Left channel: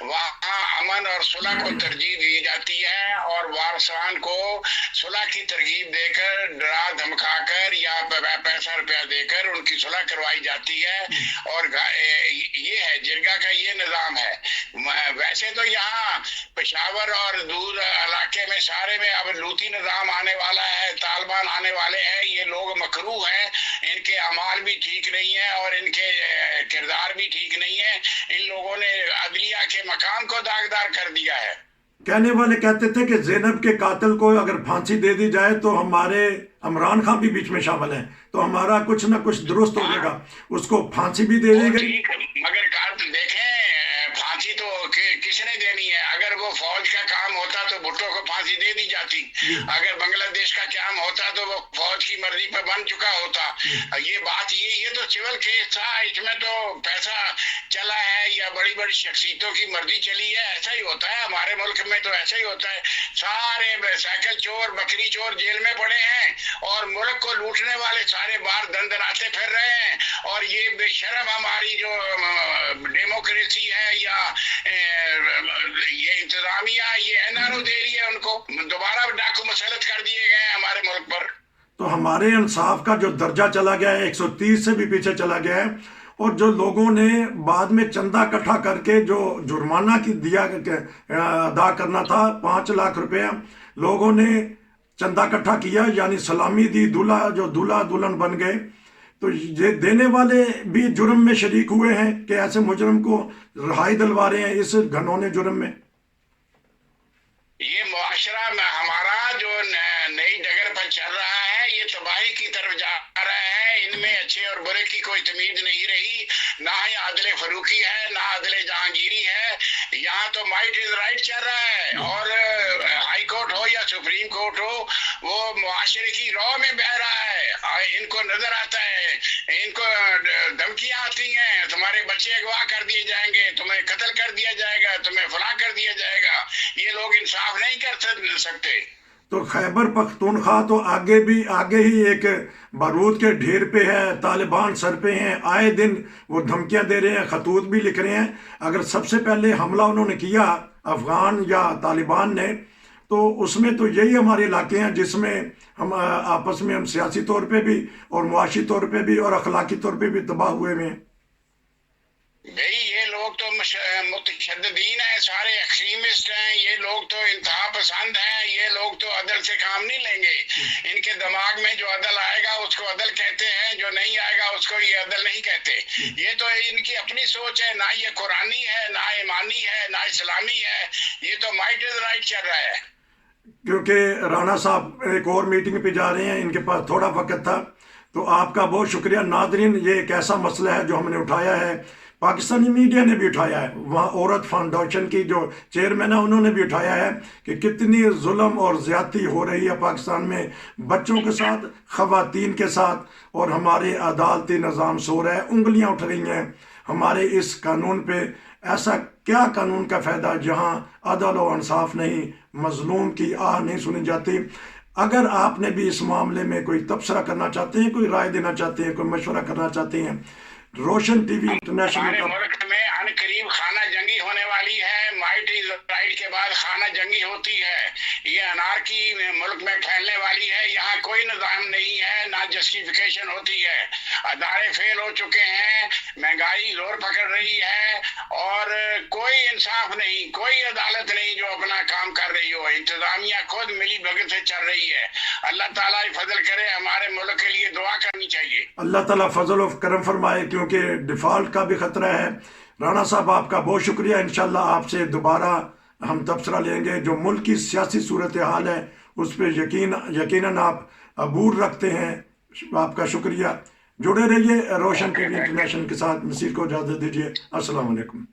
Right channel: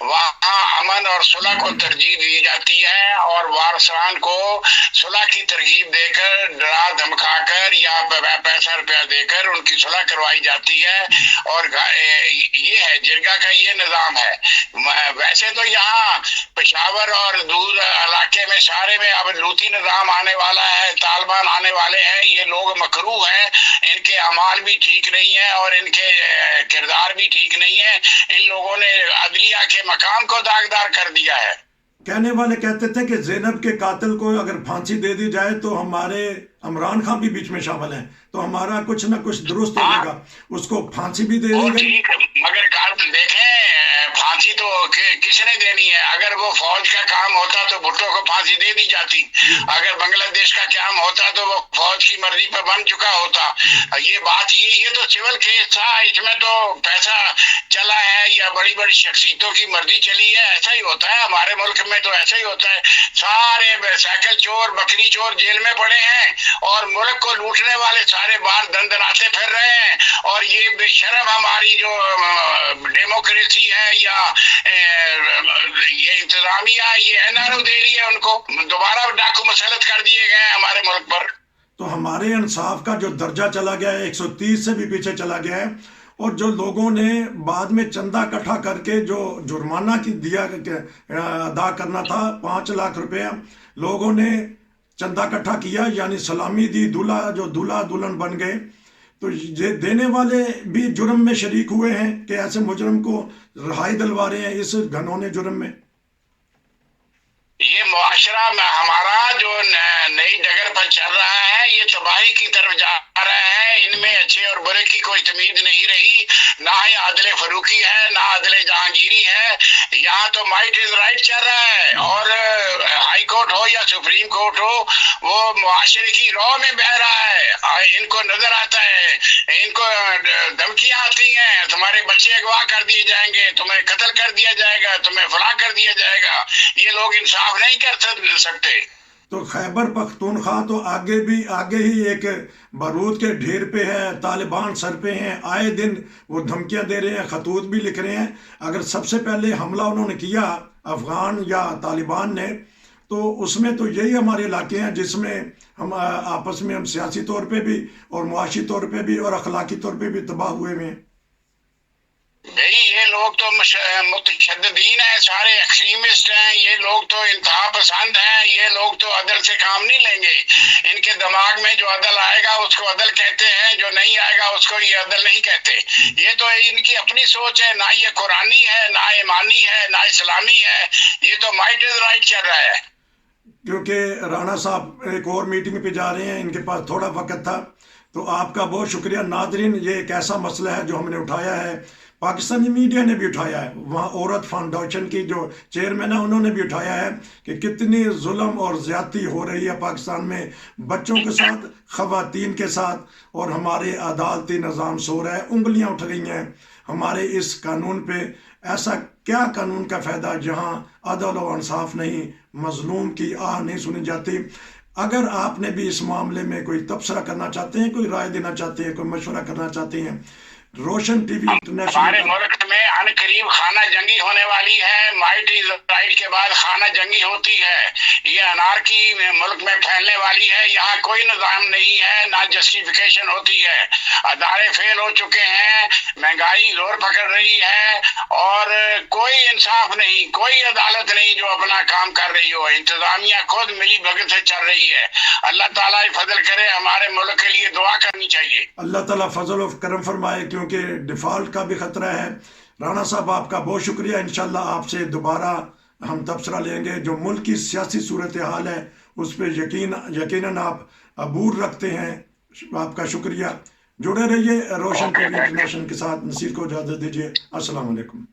وہاں امن اور صلح کو ترجیح دی جاتی ہے، اور وارثان کو صلح کی ترغیب دے کر، ڈرا دھمکا کر یا پیسہ روپیہ دے کر ان کی صلح کروائی جاتی ہے، اور یہ ہے جرگہ کا یہ نظام ہے۔ ویسے تو یہاں پشاور اور دور علاقے میں سارے میں اب لوتی نظام آنے والا ہے، طالبان آنے والے ہیں، یہ لوگ مکروہ ہیں، ان کے اعمال بھی ٹھیک نہیں ہیں اور ان کے کردار بھی ٹھیک نہیں ہے، ان لوگوں نے عدلیہ کے مقام کو داغدار کر دیا ہے۔ کہنے والے کہتے تھے کہ زینب کے قاتل کو اگر پھانسی دے دی جائے تو ہمارے عمران خان بھی بیچ میں شامل ہیں، تو ہمارا کچھ نہ کچھ درست ہو جائے گا، اس کو پھانسی بھی دے دی گئی۔ مگر دیکھیں پھانسی تو کس نے دینی ہے؟ اگر وہ فوج کا کام ہوتا تو بھٹو کو پھانسی دے دی جاتی، اگر بنگلہ دیش کا کام ہوتا تو وہ فوج کی مرضی پہ بن چکا ہوتا۔ یہ بات یہ تو سول کیس تھا، اس میں تو پیسہ چلا ہے یا بڑی بڑی شخصیتوں کی مرضی چلی ہے، ایسا ہی ہوتا ہے ہمارے ملک میں، تو ایسا ہی ہوتا ہے، سارے سائیکل چور بکری چور جیل میں پڑے ہیں اور ملک کو لوٹنے والے سارے باہر دندناتے پھر رہے ہیں، اور یہ بے شرم ہماری جو ڈیموکریسی ہے یا یہ انتظامیہ یہ NRO دے رہی ہے، ان کو دوبارہ ڈاکو مسلط کر دیے گئے ہیں ہمارے ملک پر۔ تو ہمارے انصاف کا جو درجہ چلا گیا ہے 130 سے بھی پیچھے چلا گیا ہے، اور جو لوگوں نے بعد میں چندہ اکٹھا کر کے جو جرمانہ کی دیا ادا کرنا تھا 5 لاکھ روپے، لوگوں نے چندہ اکٹھا کیا، یعنی سلامی دی، دولہا جو دولہا دلہن بن گئے، تو یہ دینے والے بھی جرم میں شریک ہوئے ہیں کہ ایسے مجرم کو رہائی دلوا رہے ہیں اس گھنونے جرم میں۔ یہ معاشرہ میں ہمارا جو نئی ڈگر پر چل رہا ہے، یہ تباہی کی طرف جا رہا ہے، ان میں اچھے اور برے کی کوئی تمیز نہیں رہی، نہ ہی عادل فروخی ہے نہ عادل جہانگیری ہے، یہاں تو مائٹ از رائٹ چل رہا ہے، اور ہائی کورٹ ہو یا سپریم کورٹ ہو، وہ معاشرے کی رو میں بہہ رہا ہے، ان کو نظر آتا ہے، ان کو دھمکیاں آتی ہیں، تمہارے بچے اغوا کر دیے جائیں گے، تمہیں قتل کر دیا جائے گا، تمہیں فلاں کر دیا جائے گا، یہ لوگ انصاف نہیں کر سکتے۔ تو خیبر پختونخوا تو آگے ہی ایک بارود کے ڈھیر پہ ہے، طالبان سر پہ ہیں، آئے دن وہ دھمکیاں دے رہے ہیں، خطوط بھی لکھ رہے ہیں۔ اگر سب سے پہلے حملہ انہوں نے کیا افغان یا طالبان نے، تو اس میں تو یہی ہمارے علاقے ہیں جس میں ہم آپس میں ہم سیاسی طور پہ بھی اور معاشی طور پہ بھی اور اخلاقی طور پہ بھی تباہ ہوئے ہیں۔ بھئی یہ لوگ تو متشددین ہیں، سارے ایکسٹریمسٹ ہیں، یہ لوگ تو انتہا پسند ہیں، یہ لوگ تو عدل سے کام نہیں لیں گے، ان کے دماغ میں جو عدل آئے گا اس کو عدل کہتے ہیں، جو نہیں آئے گا اس کو یہ عدل نہیں کہتے۔ یہ تو ان کی اپنی سوچ ہے، نہ یہ قرآنی ہے نہ ایمانی ہے نہ اسلامی ہے، یہ تو مائٹ از رائٹ چل رہا ہے۔ کیونکہ رانا صاحب ایک اور میٹنگ پہ جا رہے ہیں، ان کے پاس تھوڑا وقت تھا، تو آپ کا بہت شکریہ۔ ناظرین، یہ ایک ایسا مسئلہ ہے جو ہم نے اٹھایا ہے، پاکستانی میڈیا نے بھی اٹھایا ہے، وہاں عورت فاؤنڈیشن کی جو چیئرمین ہے انہوں نے بھی اٹھایا ہے کہ کتنی ظلم اور زیادتی ہو رہی ہے پاکستان میں بچوں کے ساتھ، خواتین کے ساتھ، اور ہمارے عدالتی نظام سو رہا ہے، انگلیاں اٹھ رہی ہیں ہمارے اس قانون پہ۔ ایسا کیا قانون کا فائدہ جہاں عدل و انصاف نہیں، مظلوم کی آہ نہیں سنی جاتی۔ اگر آپ نے بھی اس معاملے میں کوئی تبصرہ کرنا چاہتے ہیں، کوئی رائے دینا چاہتے ہیں، کوئی مشورہ کرنا چاہتے ہیں، روشن ٹی وی انٹرنیشنل ہمارے کا ملک میں ان قریب خانہ جنگی ہونے والی ہے، مائٹ از رائٹ کے بعد خانہ جنگی ہوتی ہے، یہ انارکی ملک میں پھیلنے والی ہے، یہاں کوئی نظام نہیں ہے، نہ جسٹیفیکیشن ہوتی ہے، ادارے فیل ہو چکے ہیں، مہنگائی زور پکڑ رہی ہے، اور کوئی انصاف نہیں، کوئی عدالت نہیں جو اپنا کام کر رہی ہو، انتظامیہ خود ملی بھگت سے چل رہی ہے۔ اللہ تعالیٰ فضل کرے، ہمارے ملک کے لیے دعا کرنی چاہیے۔ اللہ تعالیٰ فضل و کرم فرمائے، کیونکہ ڈیفالٹ کا بھی خطرہ ہے۔ رانا صاحب آپ کا بہت شکریہ، انشاءاللہ آپ سے دوبارہ ہم تبصرہ لیں گے۔ جو ملک کی سیاسی صورتحال ہے اس پہ یقیناً آپ عبور رکھتے ہیں، آپ کا شکریہ۔ جڑے رہیے روشن ٹی وی انٹرنیشنل کے ساتھ۔ نصیر کو اجازت دیجیے، السلام علیکم۔